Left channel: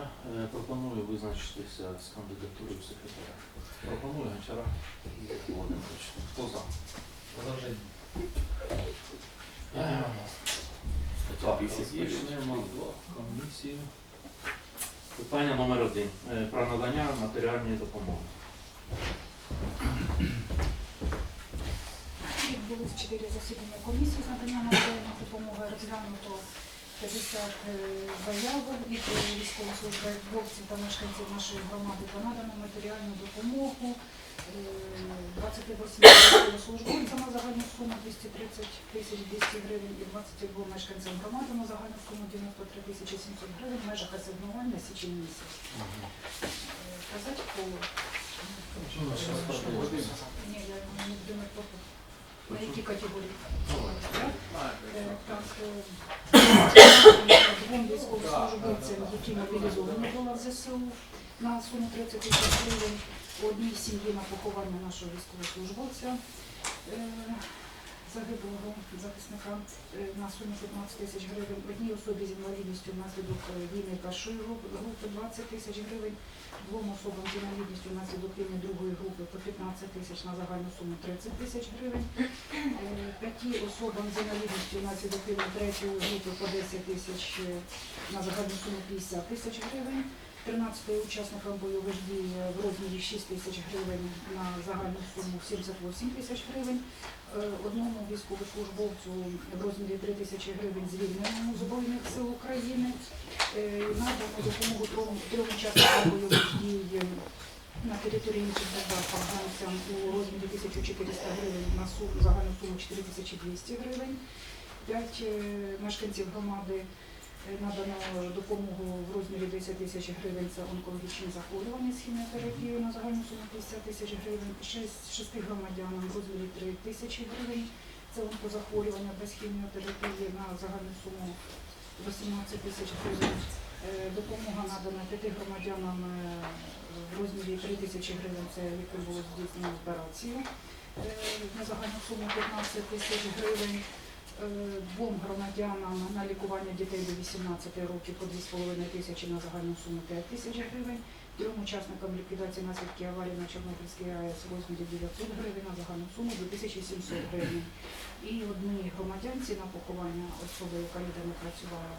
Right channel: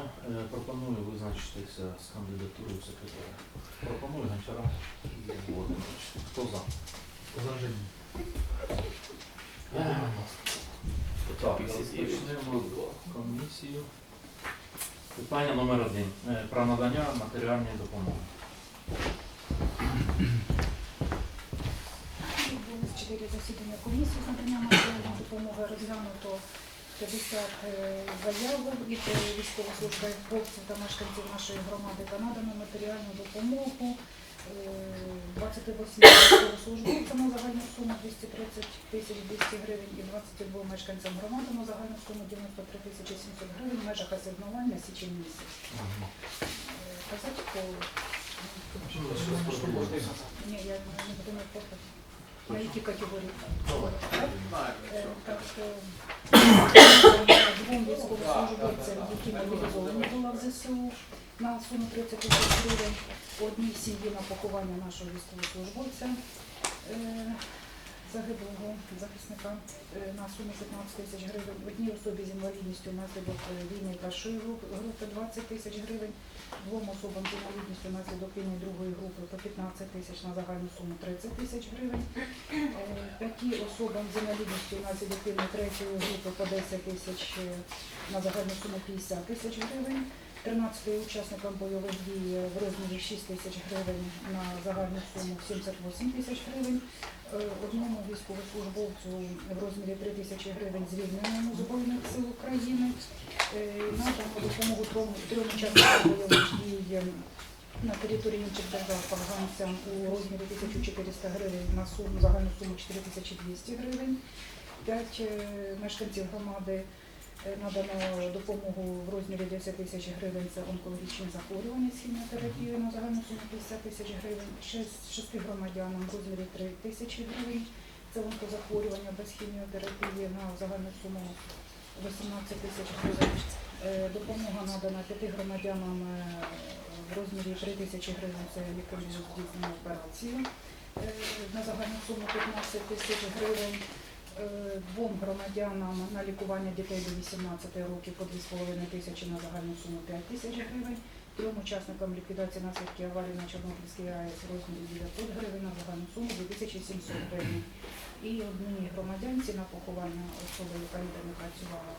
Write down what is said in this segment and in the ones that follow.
дня. Е, Пропоную визначитися з кандидатурою секретаря. Пропоную Гончара Ігор Володимирович. Хто за? Возражение. Так, розпочнемо комісію. Питання номер один. Е, Про надання матеріальної допомоги. Відбулось чотири засідання комісії з надання матеріальної допомоги. Розглянуто 50 е, заявок від е, військовослужбовців та мешканців нашої громади та надано матеріальну допомогу. е, 28 військовослужбовцям на загальну суму 230 тисяч 200 гривень і 22 мешканцям громади на загальну суму 93 тисячі 700 гривень в межах асигнування січень місяць. Е, Казати по... Ні, я не буду на які категорії. Е, двом військовослужбовцям, які мобілізовані були в ЗСУ на суму 30 тисяч гривень, одній сім'ї на поховання нашого військовослужбовця. Загиблого захисника на суму 15 тисяч гривень, одній особі з інвалідністю внаслідок війни першої групи 20 тисяч гривень, двом особам з інвалідністю внаслідок війни другої групи по 15 тисяч на загальну суму 30 тисяч гривень. Е, П'яти особам з інвалідністю внаслідок війни третьої групи по 10 тисяч е, на загальну суму 50 тисяч гривень. 13 учасникам бойових дій е, в розмірі 6 тисяч гривень на загальну суму 78 тисяч гривень. Е, Одному військовослужбовцю в розмірі 3 тисячі гривень звільненому Збройних сил України. Е, допомогу трьом учасникам бойових дій е, на території інших афганцям у розмірі 1400 гривень на суму, загальну суму 4200 гривень. П'ять мешканців громади надано допомогу в розмірі 10 тисяч гривень за онкологічні захворювання з хіміотерапією на загальну суму 50 тисяч гривень. Шесть, шести громадянам в розмірі 3 тисячі гривень. Це онкозахворювання без хіміотерапії на загальну суму 18 тисяч гривень. Е, Допомога надана п'яти громадянам е, в розмірі 3 тисячі гривень. Це яким було здійснено операцію е, на загальну суму 15 тисяч гривень. Е, Двом громадянам на лікування дітей до 18 років по 2,5 тисячі на загальну суму 5 тисяч гривень. Трьом учасникам ліквідації наслідків аварії на Чорнобильській АЕС в розмірі 900 гривень на загальну суму 2700 гривень. І одній громадянці на поховання особи, яка ніде не працювала,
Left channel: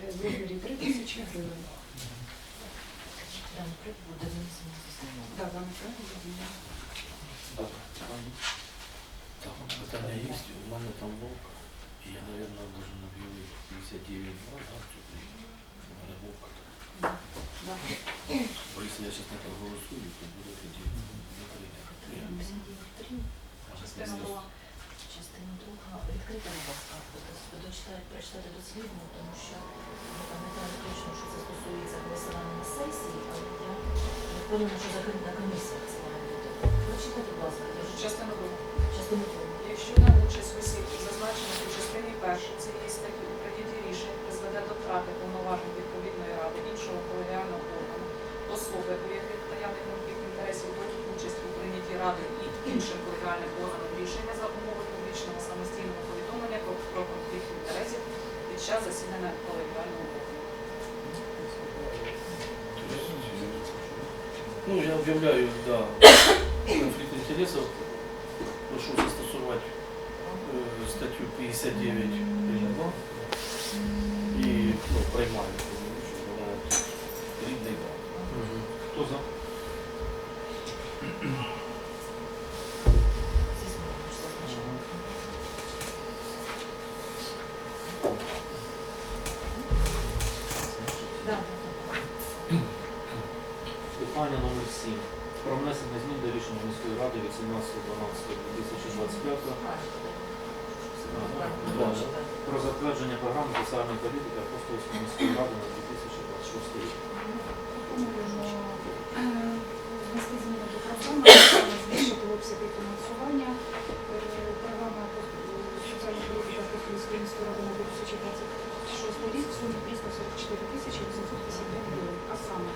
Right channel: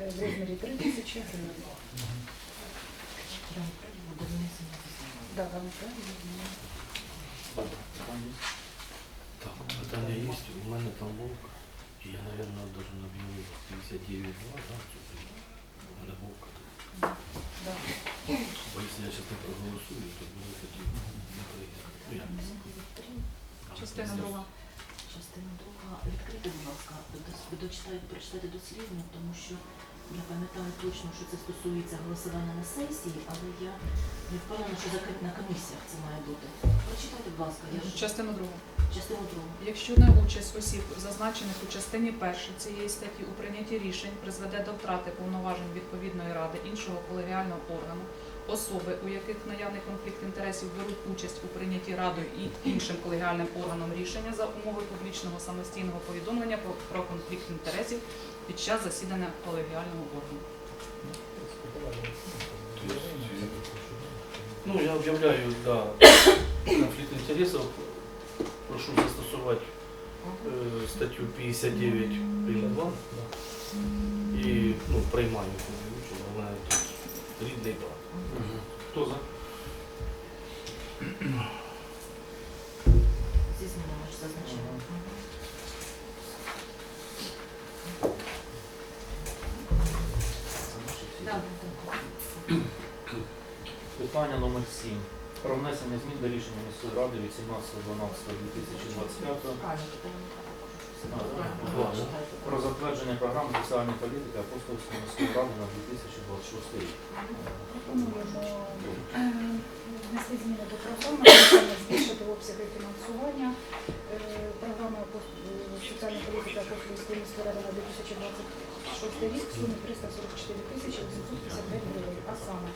е, в розмірі 3 тисячі гривень. Да, да, не так. Питання? Є, у мене там вовк, я, наверное, должен об'явити 59 2, да, что-то. У. Да. Бо якщо я сейчас не проголосую, то буде тоді не прийде. Ну. Частина друга. Частина друга. Відкрийте, будь ласка, ви прочитайте дослідно, тому що я пам'ятаю точно, що це стосується голосування на сесії, але я не впевнена, що закрито на комісіях це має бути. Прочитайте, будь ласка, я ж Частину другу. частину другу. Якщо на участь осіб, зазначених у частині першої цієї статті у прийнятті рішень призведе до втрати повноважень відповідної ради іншого колегіального органу, особи, у яких наявний конфлікт інтересів беруть участь у прийнятті ради і іншим колегіальним органом рішення за умови публічного самостійного повідомлення про, про конфлікт інтересів під час засідання колегіального органу. Ну, я об'являю, да, конфлікт інтересів. Прошу застосувати е, статтю 59 прим. 2 і ну, приймаю, тому що вона тут рідний брат. Хто за? Зі змінами ж зазначено. Мгм. Да, да, да. Питання номер 7. Про внесення змін до рішення міської ради від 17.12.2025 Ладно. про затвердження програми соціальної політики Апостольської міської ради на 2026 рік. Пропонуємо е, внести зміни до програми, саме збільшити обсяги фінансування. Е, Програма е, соціальна політика Апостольської міської ради на 2026 рік в сумі 344 тисячі 855 гривень, а саме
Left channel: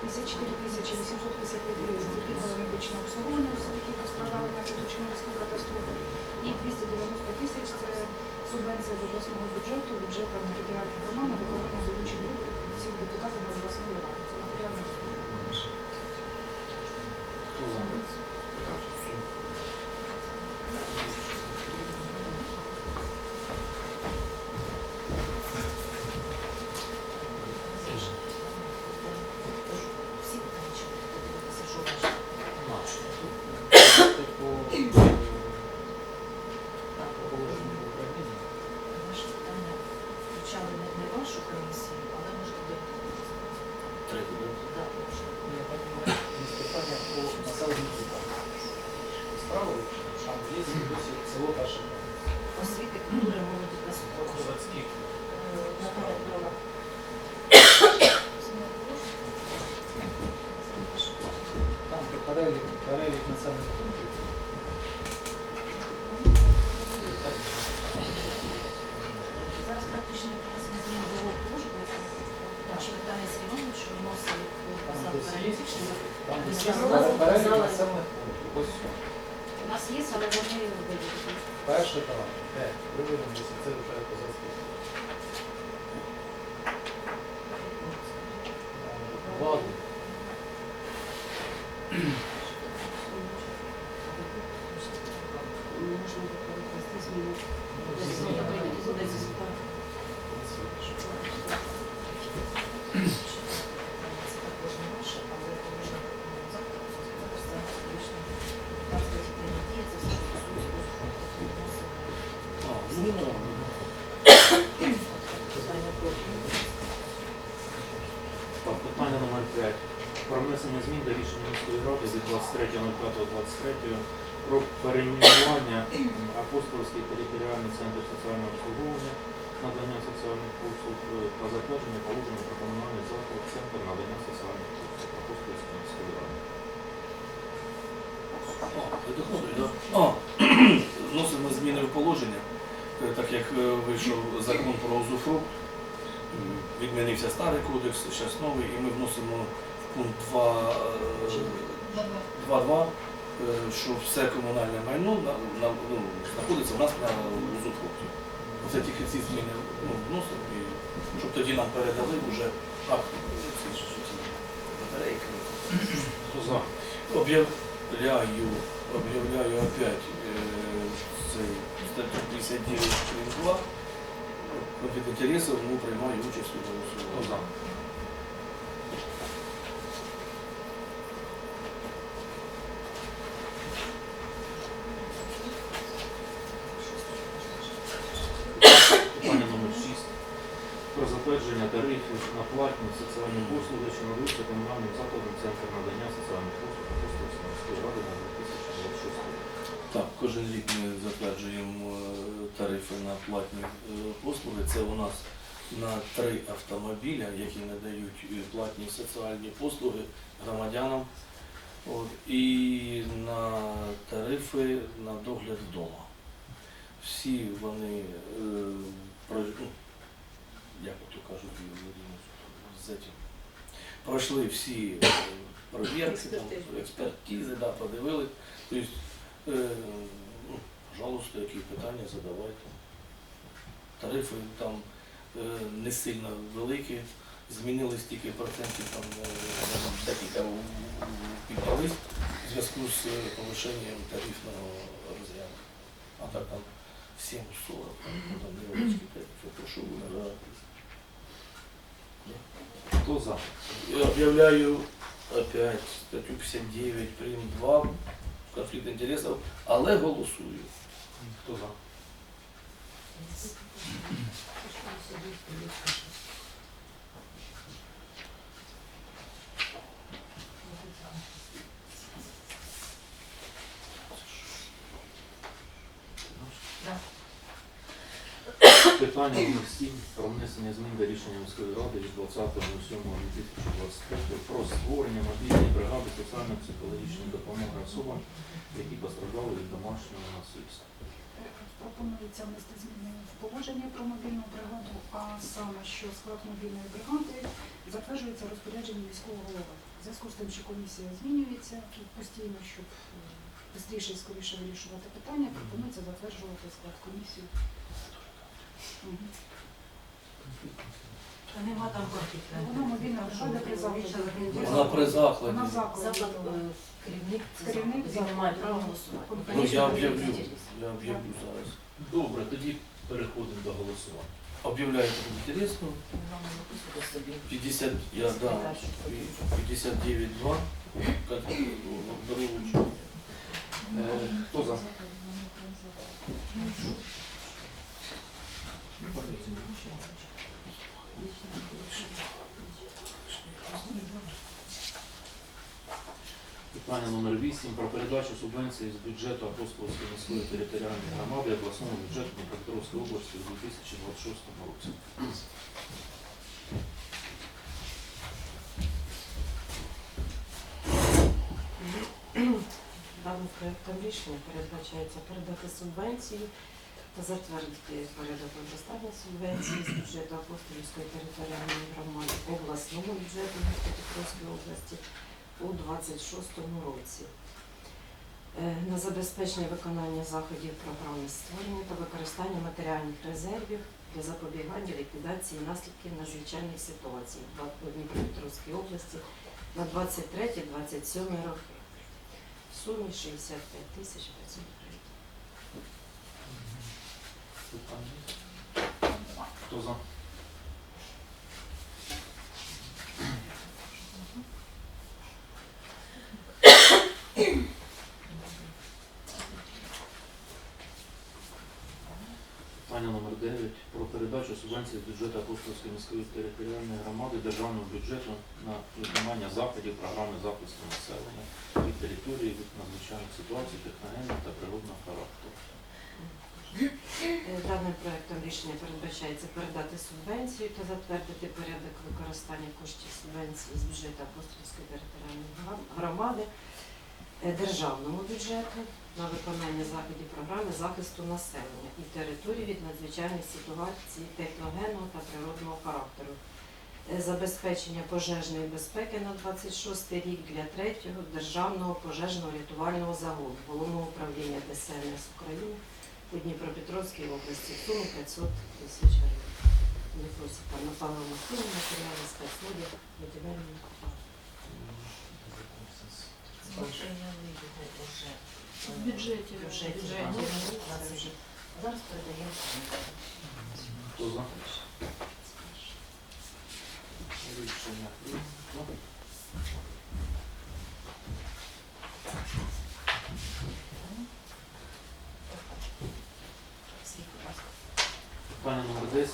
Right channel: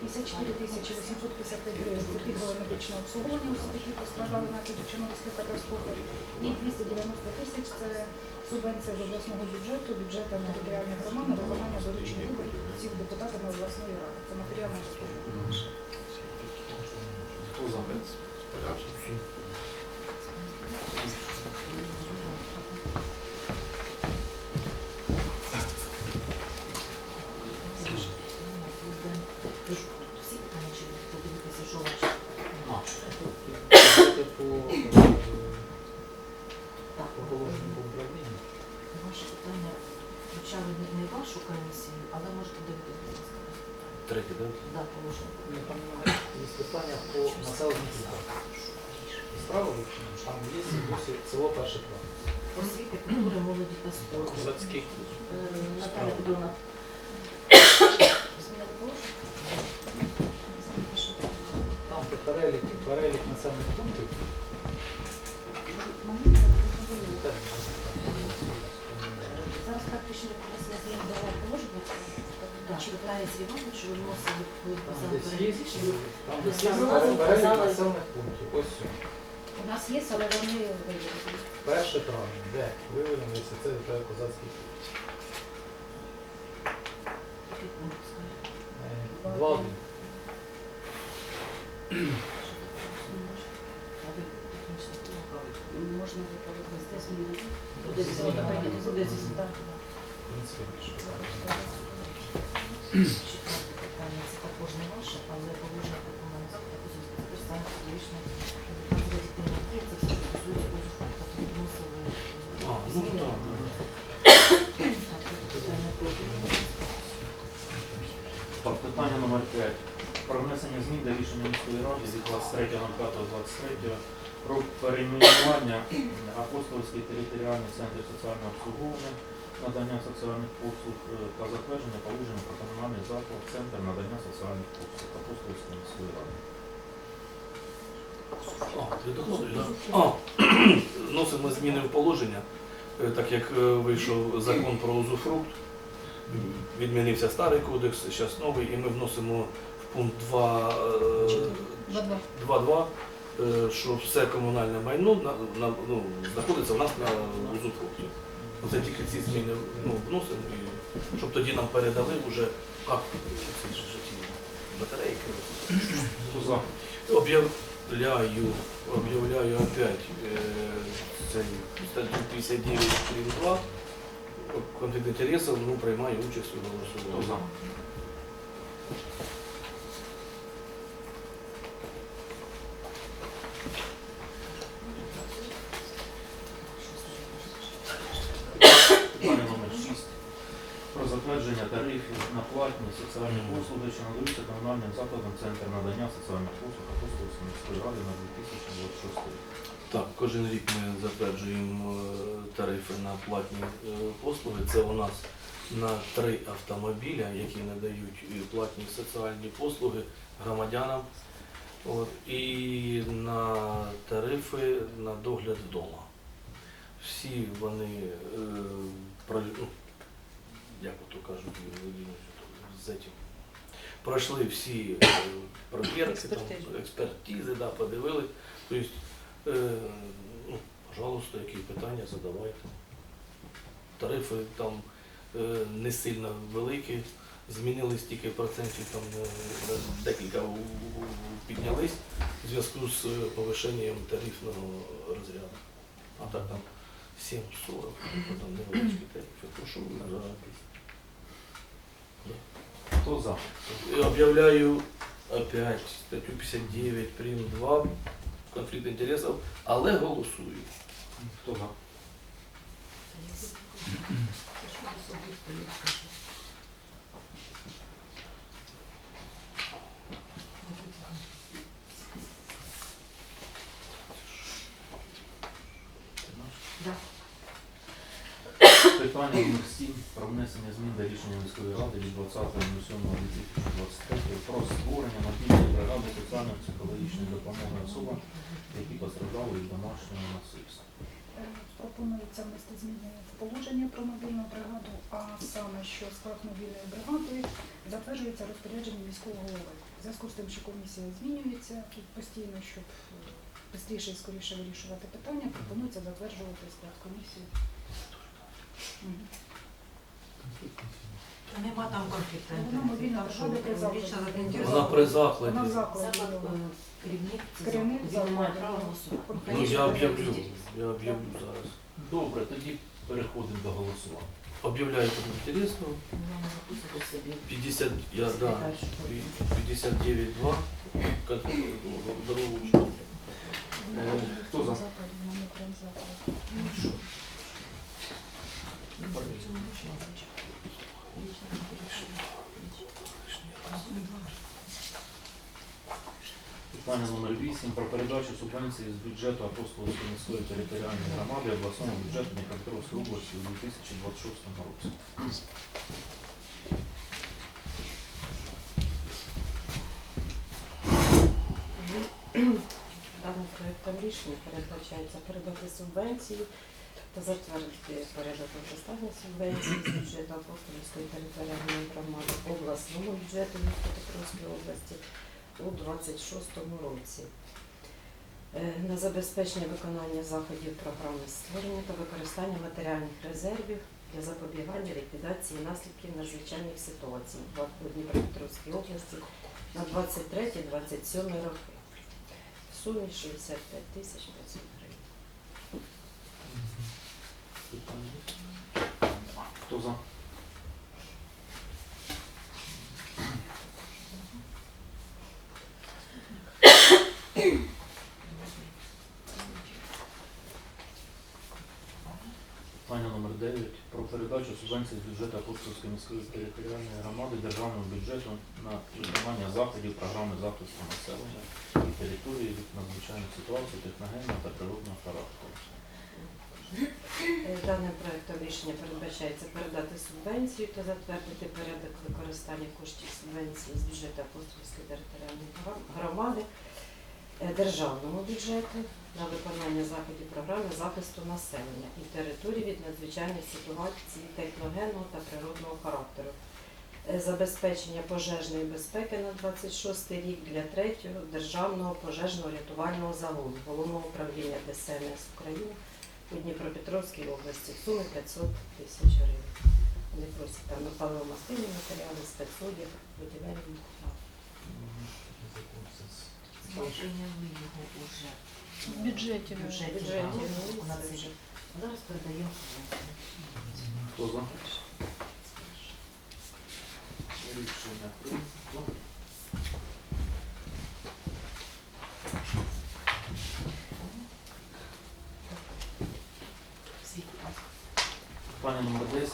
54 тисячі 855 гривень це пільгове медичне обслуговування, оскільки постраждали внаслідок Чорнобильської катастрофи, і 290 тисяч це субвенція з обласного бюджету, бюджету територіальних громад на виконання доручень всіх депутатів на обласної ради. Це матеріальна розповідь. Хто за? Всі питання чи подивитися, що ваше? Наш. По Так, по положенню по управлінню. Ваші питання включали не, не вашу комісію, але можете додати. Третє, да? Да, положення. Ні, там є питання по населеним пунктам. Справа там є досі село перше право. Освіти, культури, молоді та спорту. Козацький. Е, Наталя Петровна. Там де перелік, перелік населених пунктів. Так, Зараз практично внесення змін до положення. Так, що Віталій Сергійович виносив Там там Ви десь перелік населених пунктів. Ось все. У нас є, але вони виділені. Перше травня. Де? Виведеться, це вже козацький. Е, Влади. Можна відповісти зміни. Десь воно прийняти, десь так. Це також не ваше, але положення про комунальний заклад, також саме фізичне. Там буде прийняті, це все, що стосується позову, тобто відносили А, ну зміни. так. Так, так, питання номер 5. Про внесення змін до рішення міської ради від 23.05.23 про перейменування апостольський територіальний центр соціального обслуговування, надання соціальних послуг е, та затвердження положення про комунальний заклад, центр надання соціальних послуг апостольської міської ради. Вносимо зміни в положення, Е, так як е, вийшов закон про узуфрукт, відмінився старий кодекс, зараз новий, і ми вносимо в пункт 2, е, 2.2, е, що все комунальне майно ну, знаходиться в нас на узуфрукті. Оце тільки ці зміни ну, вносимо, і, щоб тоді нам передали вже акт, ці ж ті батарейки. Хто за? Об'являю, об'являю опять е, цей статтю 59 прим. 2. Конфлікт інтересів, ну, приймаю участь у голосуванні. Питання номер 6. Про затвердження тарифів на платні соціальні послуги, що надаються комунальним закладом Центр надання соціальних послуг Апостольської міської ради на 2026 рік. Так, кожен рік ми затверджуємо е, тарифи на платні е, послуги. Це у нас на три автомобіля, які надають е, платні соціальні послуги громадянам. От, і на тарифи на догляд вдома. Всі вони е, ну, як ото кажуть, з этим, пройшли всі перевірки, Експертизи. да, подивились. Тобто, е, ну, пожалуйста, які питання задавайте. Тарифи там е, не сильно великі, змінились тільки процентів там е, декілька піднялись в зв'язку з е, повищенням тарифного розряду. А так там 7-40, там невеличкі тарифи. Прошу вважати. Хто за? Я объявляю опять статтю 59 прим 2 конфлікт інтересів, але голосую. Хто за? Да. Питання номер 7 про внесення змін до рішення міської ради від 20.07.2023 про створення мобільної бригади соціально-психологічної допомоги особам, які постраждали від домашнього насильства. Пропонується внести зміни в положення про мобільну бригаду, а саме, що склад мобільної бригади затверджується розпорядженням міського голови. В зв'язку з тим, що комісія змінюється постійно, щоб швидше і скоріше вирішувати питання, пропонується затверджувати склад комісії. Мгм. Нема там. Вона мобільна при закладі. Вона при закладі. Вона закладі. Заклад, е, керівник, це Керівник заклад, він має закладу. голосувати. Ну я об'явлю, я об'явлю зараз. Добре, тоді переходимо до голосування. Об'являю тут інтересно. Ну, не собі. 50, я да, Передачу. 59-2, как дорогу Е, Хто за? Питання номер 8 про передачу субвенції з бюджету Апостолської міської територіальної громади обласному бюджету Дніпропетровської області у 2026 році. Даним проектом рішення передбачається передати субвенцію та затвердити порядок використання субвенції з бюджету Апостолівської територіальної громади обласному бюджету Дніпропетровської області у 26 році. Е, На забезпечення виконання заходів програми створення та використання матеріальних резервів для запобігання ліквідації наслідків надзвичайних ситуацій в Дніпропетровській області на 23-27 роки в сумі 65 тисяч 500 гривень. Хто за? Питання номер 9 про передачу субвенції з бюджету Апостольської міської територіальної громади державного бюджету на виконання заходів програми захисту населення і території від надзвичайних ситуацій техногенного та природного характеру. Е, Даним проектом рішення передбачається передати субвенцію та затвердити порядок використання коштів субвенції з бюджету Апостолівської територіальної громади е, державному бюджету на виконання заходів програми захисту населення і території від надзвичайних ситуацій техногенного та природного характеру. Е, Забезпечення пожежної безпеки на 26 рік для третього державного пожежно-рятувального загону головного управління ДСНС України у Дніпропетровській області в сумі 500 тисяч гривень. Вони просять там на паливо-мастильні матеріали, спецодяг, будівельні матеріали. Прийняли його уже. В бюджеті. В бюджеті, Бюджеті, так. ну, На це цей вже. рік. Зараз передаємо. Хто за? Рішення. прийнято. Світ, будь ласка. Питання номер 10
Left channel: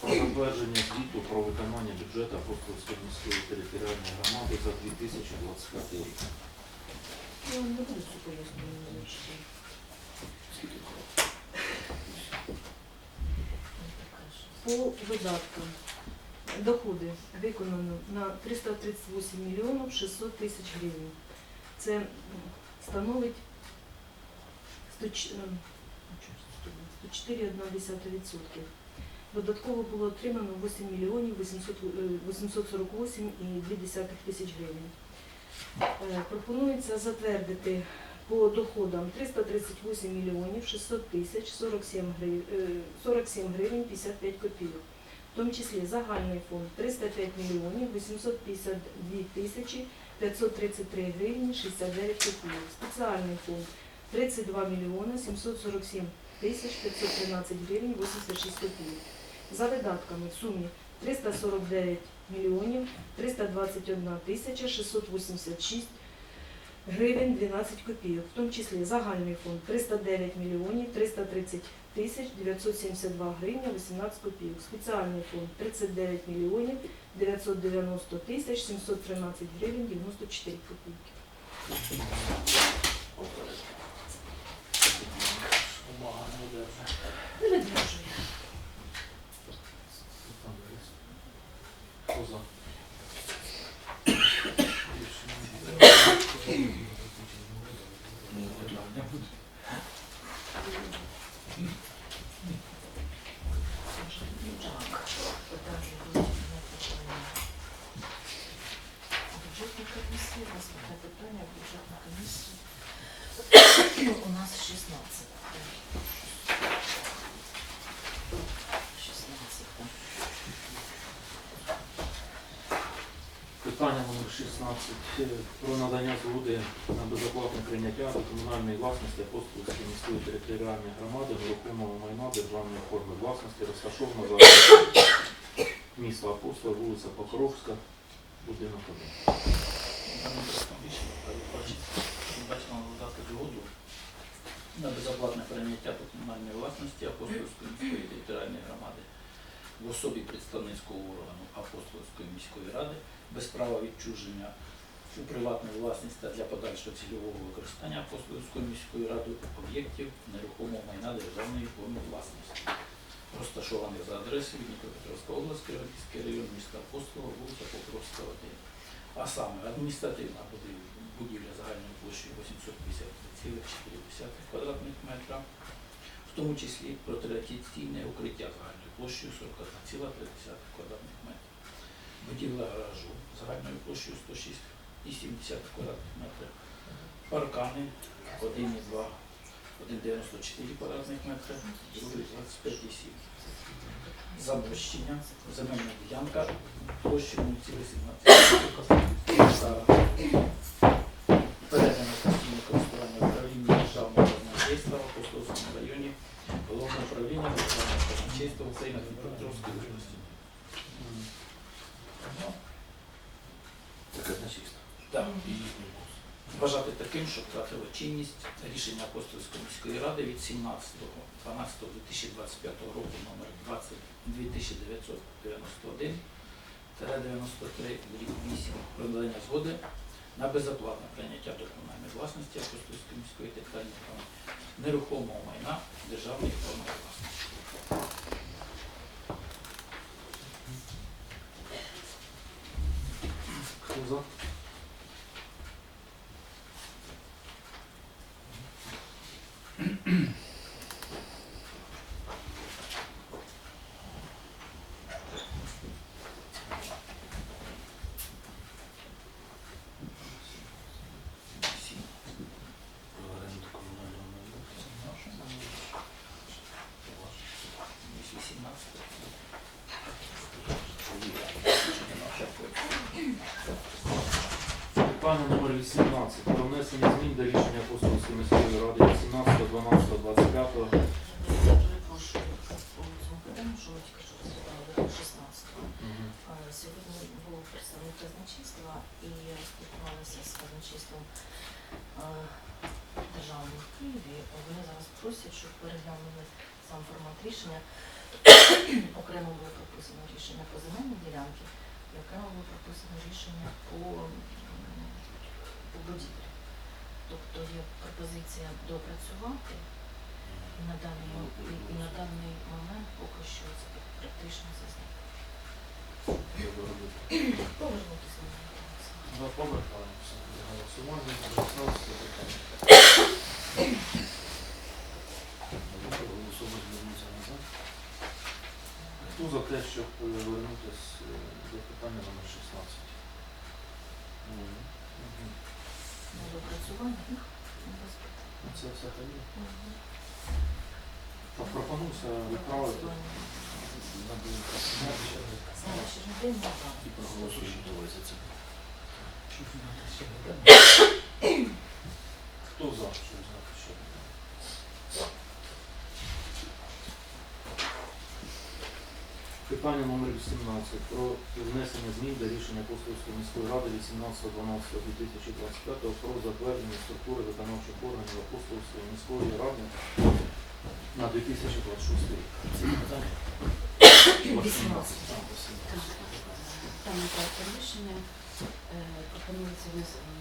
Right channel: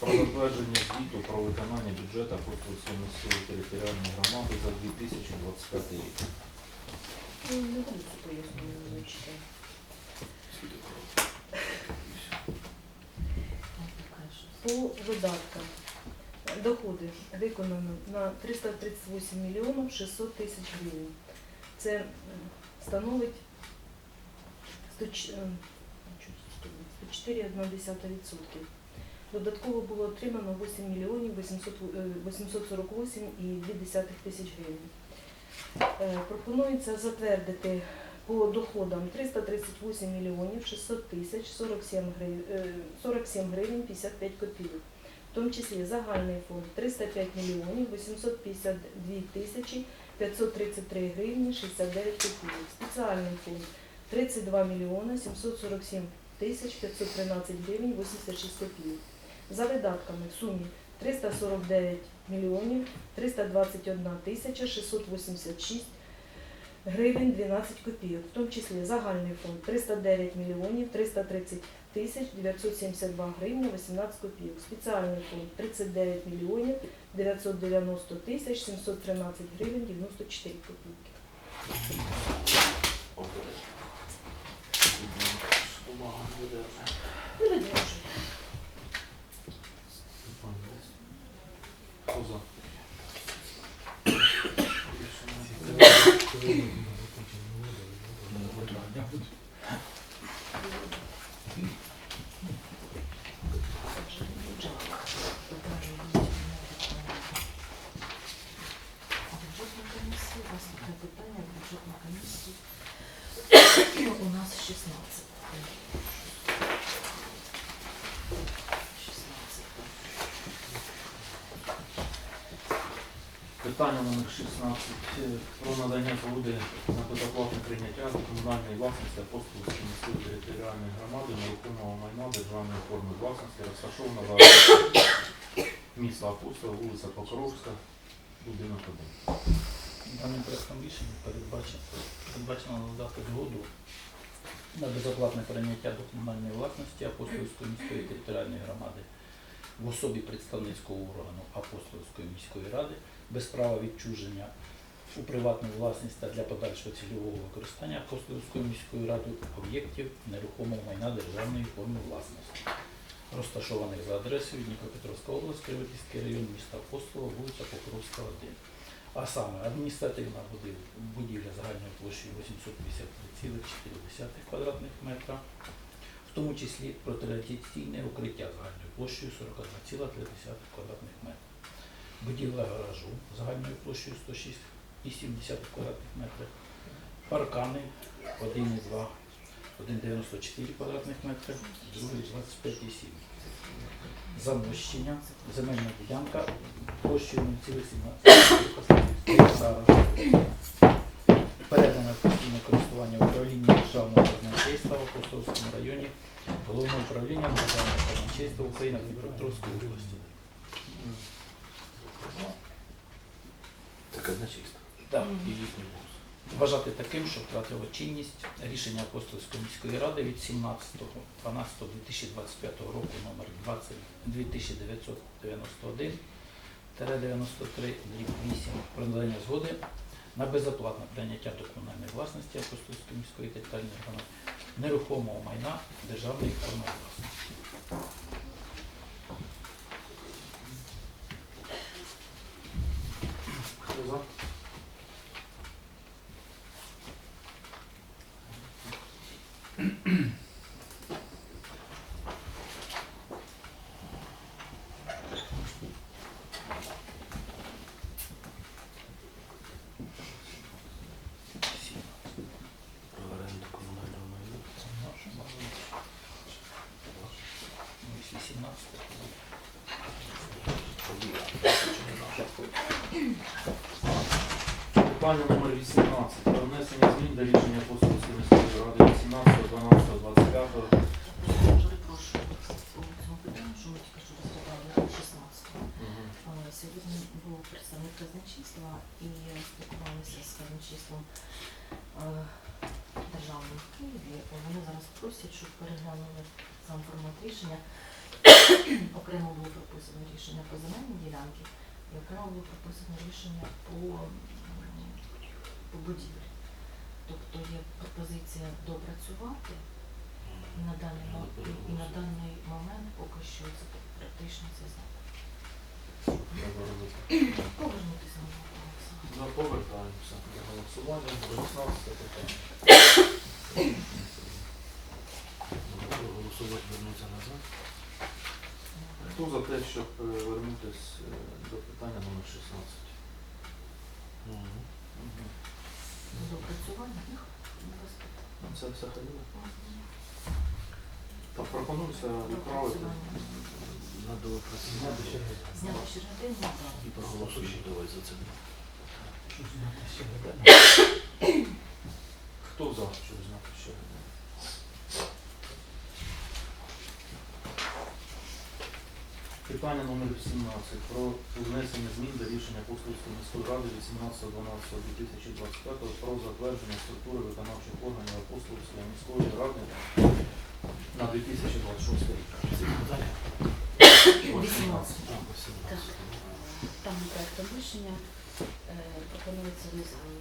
про затвердження звіту про виконання бюджету Апостольської міської територіальної громади за 2025 рік. По видаткам доходи виконано на 338 мільйонів 600 тисяч гривень. Це становить 104 ем, чу- 104,1%. Додатково було отримано 8 мільйонів 800 е, 848,2 тисяч гривень. Е, Пропонується затвердити по доходам 338 мільйонів 600 тисяч 47 гривень, 47 гривень 55 копійок. В тому числі загальний фонд 305 мільйонів 852 тисячі 533 гривні 69 копійок. Спеціальний фонд 32 мільйони 747 тисяч 513 гривень 86 копійок. За видатками в сумі 349 мільйонів 321 тисяча 686 гривень 12 копійок, в тому числі загальний фонд 309 мільйонів 330 тисяч 972 гривні 18 копійок. Спеціальний фонд 39 мільйонів 990 тисяч 713 гривень 94 копійки. Бумага не держа. Передержую. Хто за? Питання є, не питання. Бюджетна комісія, наступне питання, бюджетна комісія. У нас 16. 16. Питання номер 16 е, про надання згоди на безоплатне прийняття комунальної власності Апостолівської міської територіальної громади нерухомого майна державної форми власності, розташованого міста Апостола, вулиця Покровська, будинок 1. Даним проектом рішення передбачено надати згоду на безоплатне прийняття до комунальної власності Апостольської міської територіальної громади в особі представницького органу Апостольської міської ради без права відчуження у приватну власність та для подальшого цільового використання Апостольською міською радою об'єктів нерухомого майна державної форми власності, розташованих за адресою Дніпропетровська область, Криводійський район міста Апостола, вулиця Покровська, 1. А саме адміністративна будівля загальною площею 853,4 квадратних метра, в тому числі протирадіаційне укриття загальною площею 41,3 квадратних метра. Будівля гаражу загальною площею 106,7 квадратних метрів. Паркани 1,2, 1,94 квадратних метри, другий 25,7. Замощення, земельна ділянка площею 0,17 гектара. Передано постійне користування управління державного казначейства в Апостольському районі, головне управління державного казначейства України Дніпропетровської області. Це казначейство. Так, і вважати таким, що втратило чинність рішення Апостольської міської ради від 17.12.2025 року номер 20 2991 93 8 про надання згоди на безоплатне прийняття до комунальної власності Апостольської міської територіальної громади нерухомого майна державної форми власності. Хто за? mm Це взагалі. Мгм. Так, пропонується відправити. Допрацювання. Надо якраз Зняти ще не Зняти ще на день, да. і проголосуємо давай за це. Хто за, щоб зняти ще не Питання номер 18 про внесення змін до рішення Апостольської міської ради 18.12.2025 про затвердження структури виконавчих органів Апостольської міської ради на 2026 рік. Це питання? 18. А, 18. Даним проектом рішення е, пропонується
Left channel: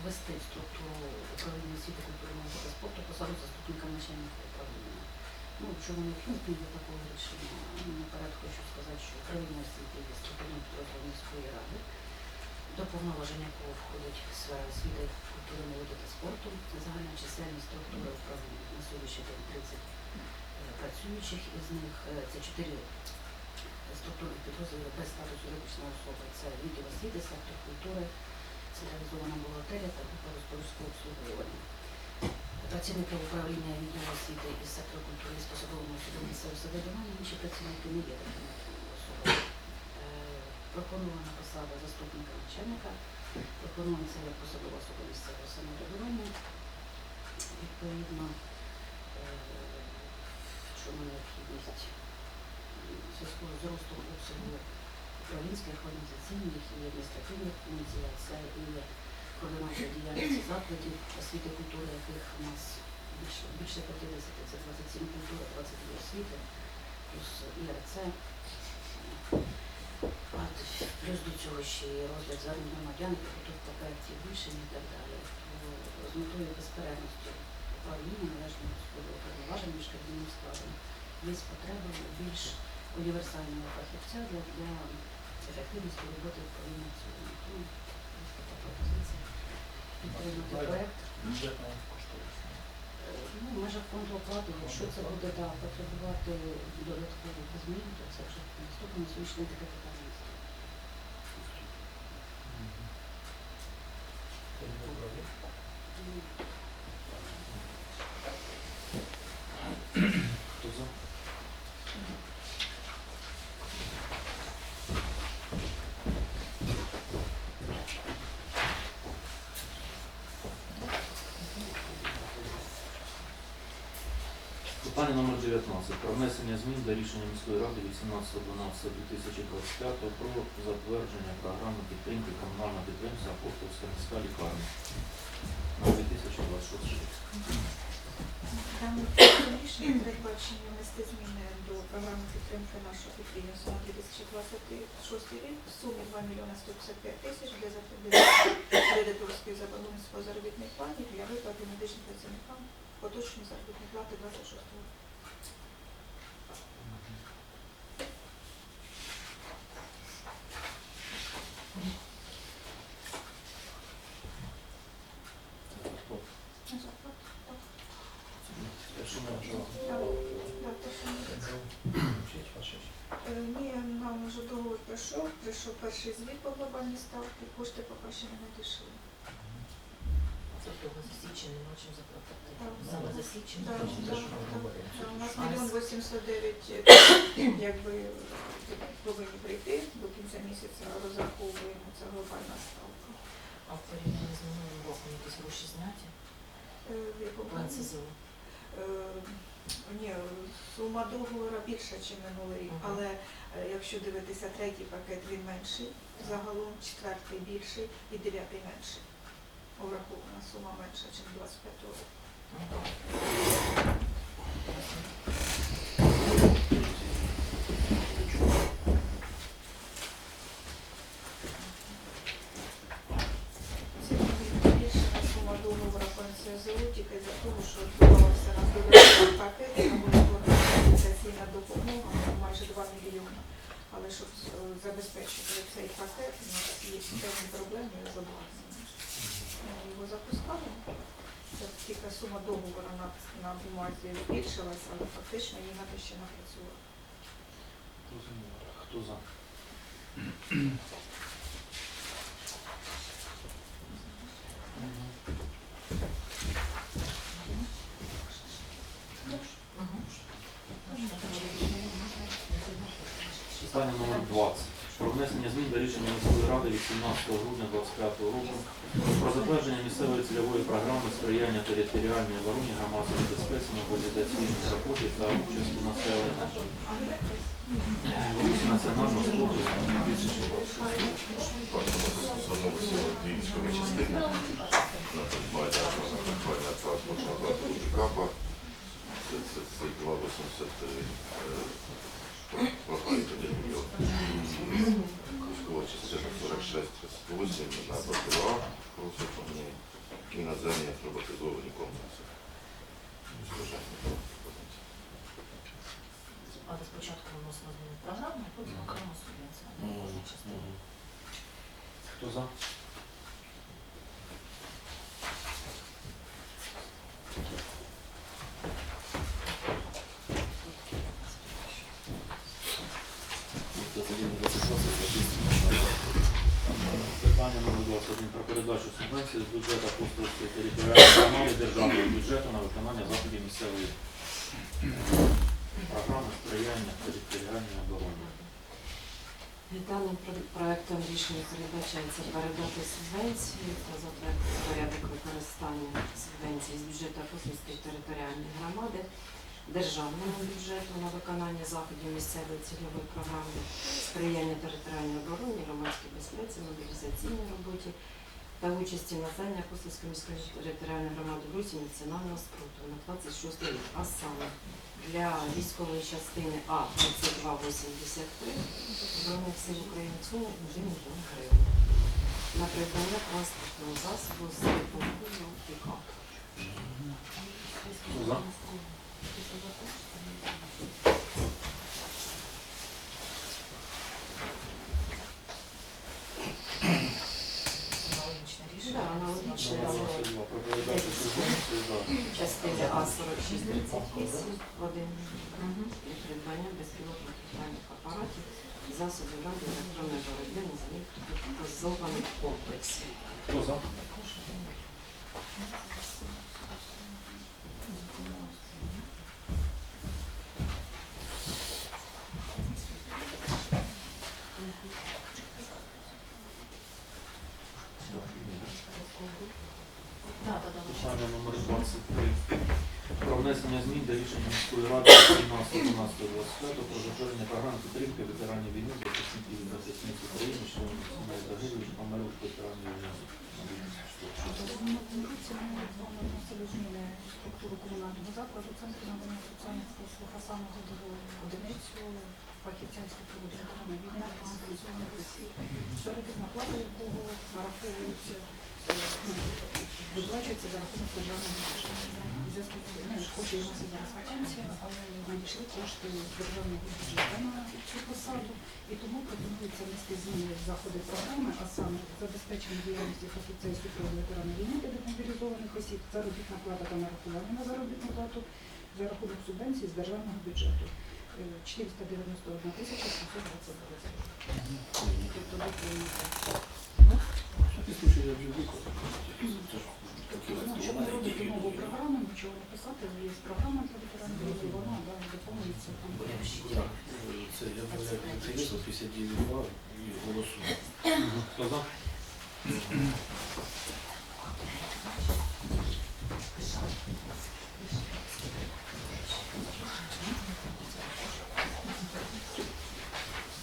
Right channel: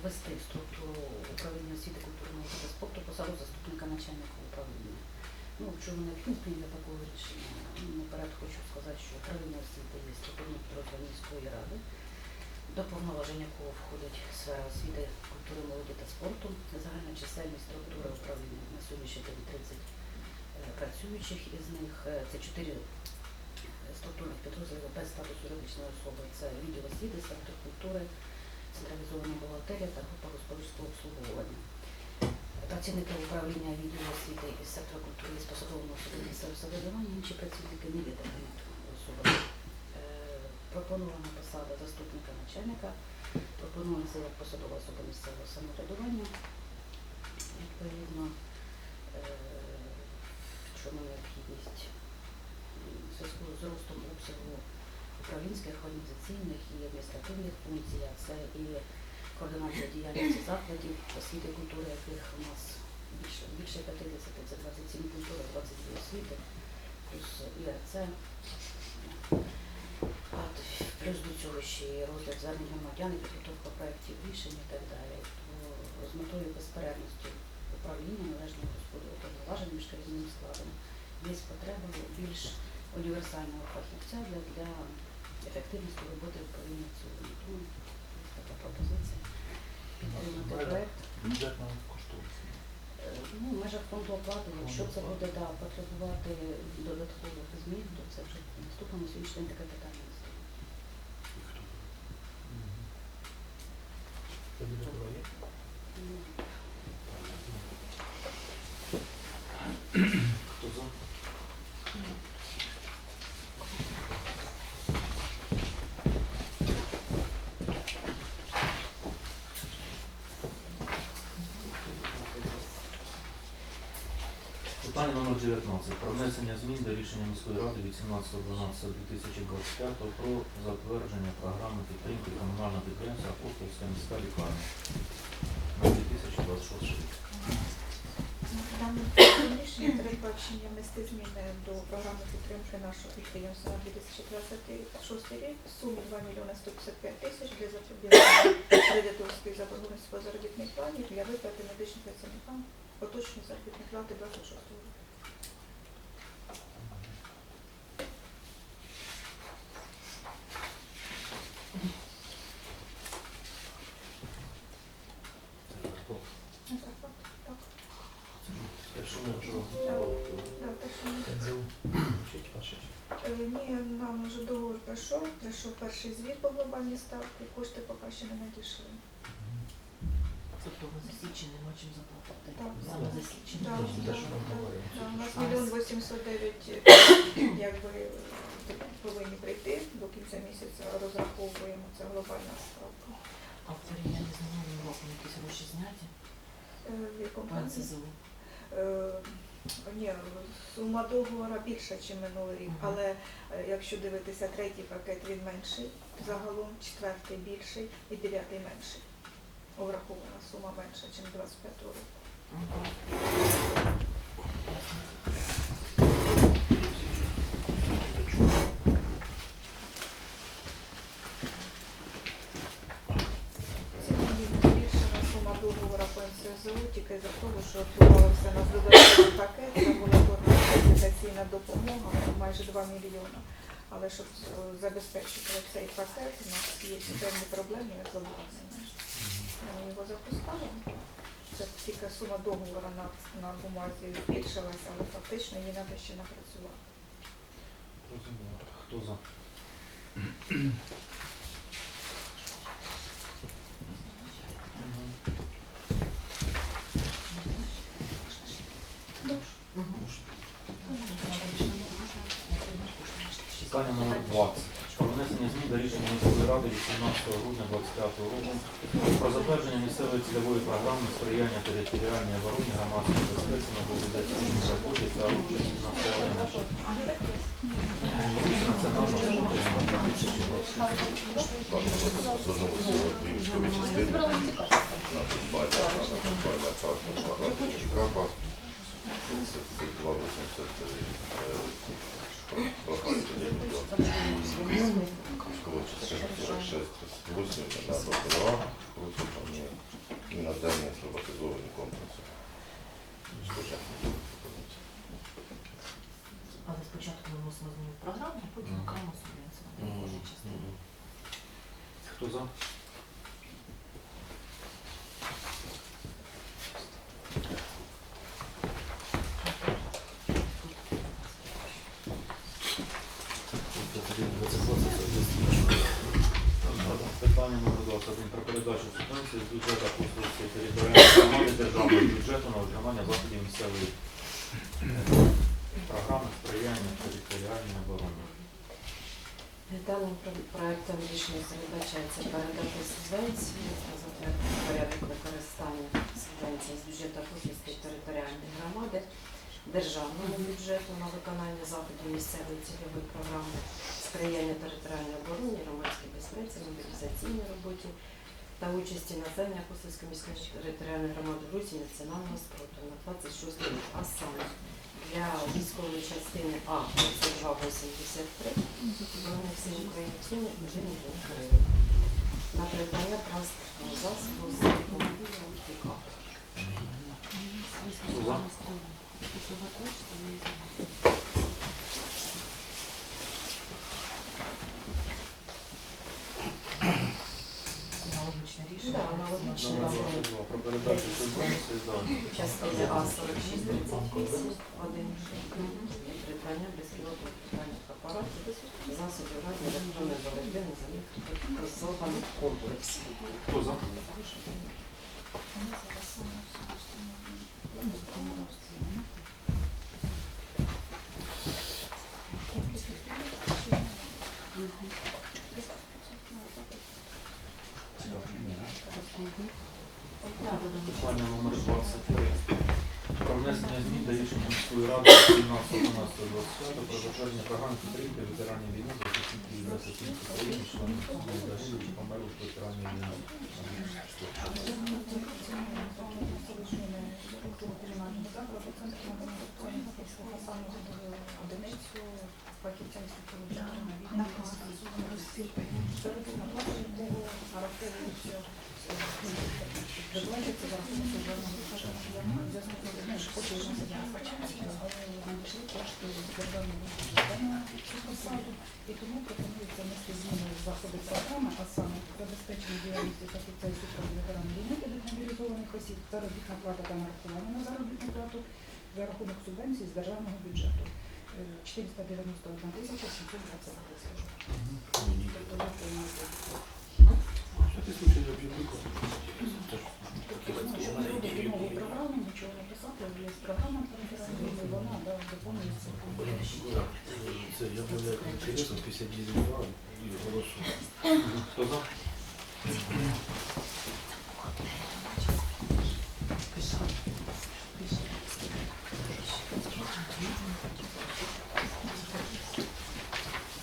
ввести в структуру управління освіти, культури, молоді та спорту посаду заступника начальника управління. Ну, чому необхідно зміни до такого рішення? Ну, наперед хочу сказати, що управління освіти є структурним підрозділом міської ради, до повноважень якого входить сфера освіти, культури, молоді та спорту. Загальна чисельність структури управління на сьогоднішній день 30 е, працюючих, із них е, це 4 структурних підрозділів без статусу юридичної особи. Це відділ освіти, сектор культури, централізована бухгалтерія та група господарського обслуговування. Працівники управління відділу освіти і сектору культури з посадовими особами місцевого самоврядування, інші працівники не є такими Пропонована посада заступника начальника пропонується як посадова особа місцевого самоврядування. Відповідно, е, в чому необхідність зв'язку з зростом обсягу управлінських, організаційних і адміністративних функцій, а це і координація діяльності закладів освіти і культури, яких у нас більше, більше 50, це 27 культури, 22 освіти, плюс ІРЦ. А т- Плюс до цього ще і розгляд звернень громадян, підготовка проєктів рішень і так далі. То з метою безперервності управління належного розподілу повноважень між керівним складом є потреба більш універсального фахівця для, для ефективності роботи управління в цілому. Тому така пропозиція. Підтримати проєкт. Бюджетна коштовність. Е, Ну, в межах фонду оплати, якщо це буде да, потребувати додаткових змін, то це вже наступне на сьогоднішній день таке питання не стоїть. Тому Хто за? Питання номер 19. Про внесення змін до рішення міської ради від 17.12.2025 про затвердження програми підтримки комунального підприємства Апостольська міська лікарня 2026 рік. Передбачення внести зміни до програми підтримки нашого підприємства на 2026 рік в сумі 2 мільйони 155 тисяч для запобігання кредиторської заборгованості по заробітних плані для виплати медичним працівникам поточної заробітної плати 26 року. Хто? Так, так, Якщо можна. так, так, що Е, Ні, нам вже договор прийшов, перший звіт по глобальній ставці, кошти поки ще не надійшли. Тобто за січень нема чим заплатити. Так. Саме за. Так, так, так. У нас мільйон 809 якби повинні прийти до кінця місяця, розраховуємо, це глобальна ставка. А в порівнянні з минулим роком якісь гроші зняті? Е, В якому. Е, Ні, сума договора більша, ніж минулий рік, але е, якщо дивитися третій пакет, він менший, загалом четвертий більший і дев'ятий менший. Обрахована сума менша, ніж 25 року. Мгм. Це збільшена сума договора по НСЗУ тільки за того, що відбувався на додатковий пакет, тому організаційна допомога майже 2 мільйони. Але щоб е, забезпечити цей пакет, у нас є певні проблеми з обладнанням. Ми його запускаємо. Це тільки сума договору на, на бумазі збільшилася, але фактично її треба ще напрацювати. Розуміло. Хто за? Питання номер 20. Про внесення змін до рішення міської ради від 17 грудня 2025 року про затвердження місцевої цільової програми сприяння територіальній обороні громадської безпеці на мобілізаційній роботі та участі населення. Національного служби на 2026 Звернулися дві військові частини на придбання на придбання транспортного засобу ЧКАПа 3283 пропали тоді мільйон. Військова частина 46 38 на БПЛА, просто там ну, іноземні роботизовані комплекси. Спожежні комплекси. Але спочатку ми вносимо зміни в програму, а потім Мгм. окремо субвенцію на кожну частину. Хто за? Питання номер 21 про передачу з бюджету Апостольської територіальної громади державного бюджету на виконання заходів місцевої програми сприяння територіальній обороні. Даним про- проектом рішення передбачається передати субвенцію та затвердити порядок використання субвенції з бюджету Апостольської територіальної громади державному бюджету на виконання заходів місцевої цільової програми сприяння територіальній обороні, громадській безпеці, мобілізаційній роботі та участі населення Апостольської міської територіальної громади в Русі національного спротиву на 26 рік, а саме для військової частини А 3283 Збройних сил України в сумі мільйон гривень на придбання транспортного засобу з допомогою пікап. Хто за? Аналогічне Да, рішення. аналогічно Номер це 22. Про передачу субвенції, да. Частини А 4638, один і придбання безпілотних апаратів, засобів ради електронної боротьби на земних призованих комплексів. Хто за? Так, так, так. Питання номер 23. Про внесення змін до рішення міської ради 17.11.25 про затвердження програм підтримки ветеранів війни, захисників і захисниць України, членів сімей загиблих, померлих ветеранів війни. на 2024. зміни структуру комунального закладу, центру надання соціальних послуг, а саме годову одиницю фахівцям структури державної за. У зв'язку з тим, що поки у нас і зараз вакансія, але надійшли кошти державного бюджету на цю посаду, і тому пропонується внести зміни в заходи програми, а саме забезпечення діяльності фахівця і супроводу ветеранів війни та демобілізованих осіб, заробітна плата та нарахування на заробітну плату за рахунок субвенції з державного бюджету. Е, 491 тисяча 720 гривень. Тобто ви приймете. Всякий случай я б'ю виконав. Щоб робити нову програму, нічого не писати, є програма для ветеранів війни, вона да, доповнюється там. Так, це я об'являю інтересом 59 2 і голосую. Хто за?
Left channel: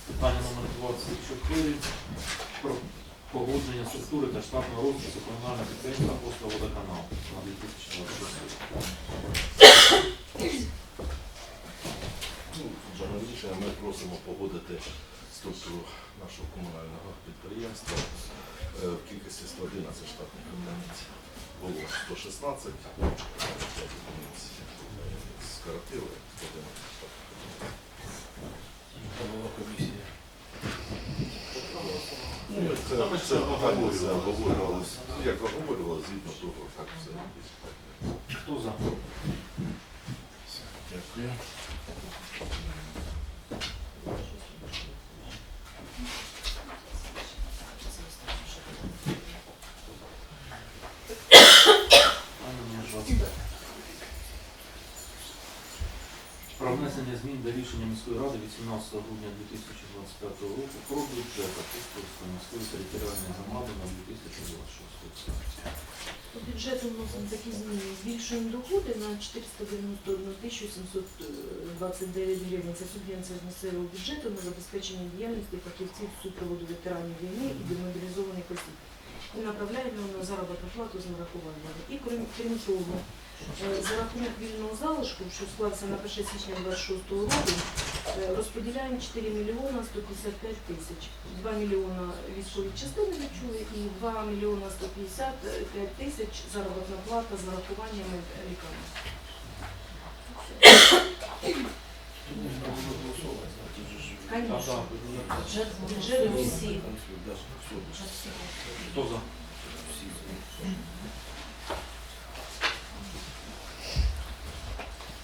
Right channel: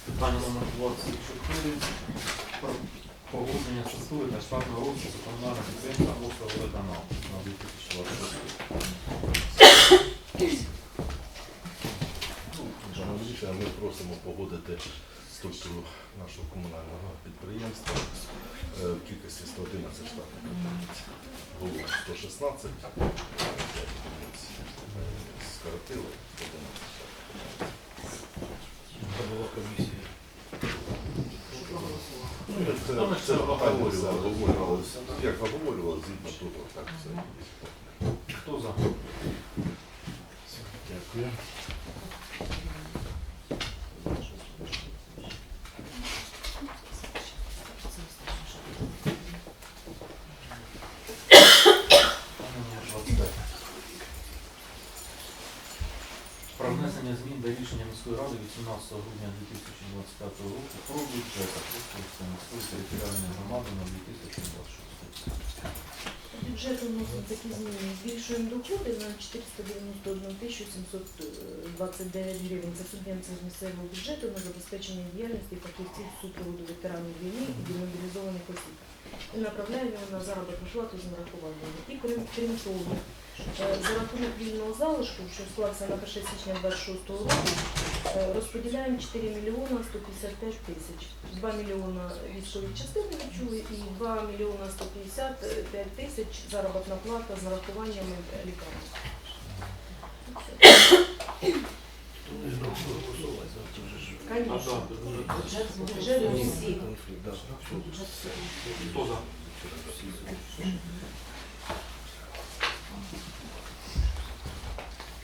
Питання номер 24. Погодження структури та штатного розпису комунального підприємства «Апостол водоканал» на 2026 Ну, Аналогічно ми просимо погодити структуру нашого комунального підприємства е, в кількості 111 штатних одиниць. Було 116, 5 одиниць. Скоротили 111 штатних одиниць. Там була комісія. Це, це це обговорювалося, Ну. Як обговорювалося, згідно того, як все. Хто за? Дякую. Питання номер 25. Про внесення змін до рішення міської ради 18 грудня 2025 року про бюджет Апостольської міської територіальної громади на 2026 рік. По бюджету вносимо такі зміни. Збільшуємо доходи на 491 729 гривень. Це субвенція з місцевого бюджету на забезпечення діяльності фахівців супроводу ветеранів війни і демобілізованих осіб. І направляємо на заробітну плату з нарахуваннями. І крім, того, за рахунок вільного залишку, що склався на 1 січня 26 року, е, розподіляємо 4 мільйона 155 тисяч. 2 мільйона військові частини відчули і 2 мільйона 155 тисяч заробітна плата з нарахуваннями лікарні. Конечно. Бюджет, бюджет всі. Да, все. Хто за? Всі.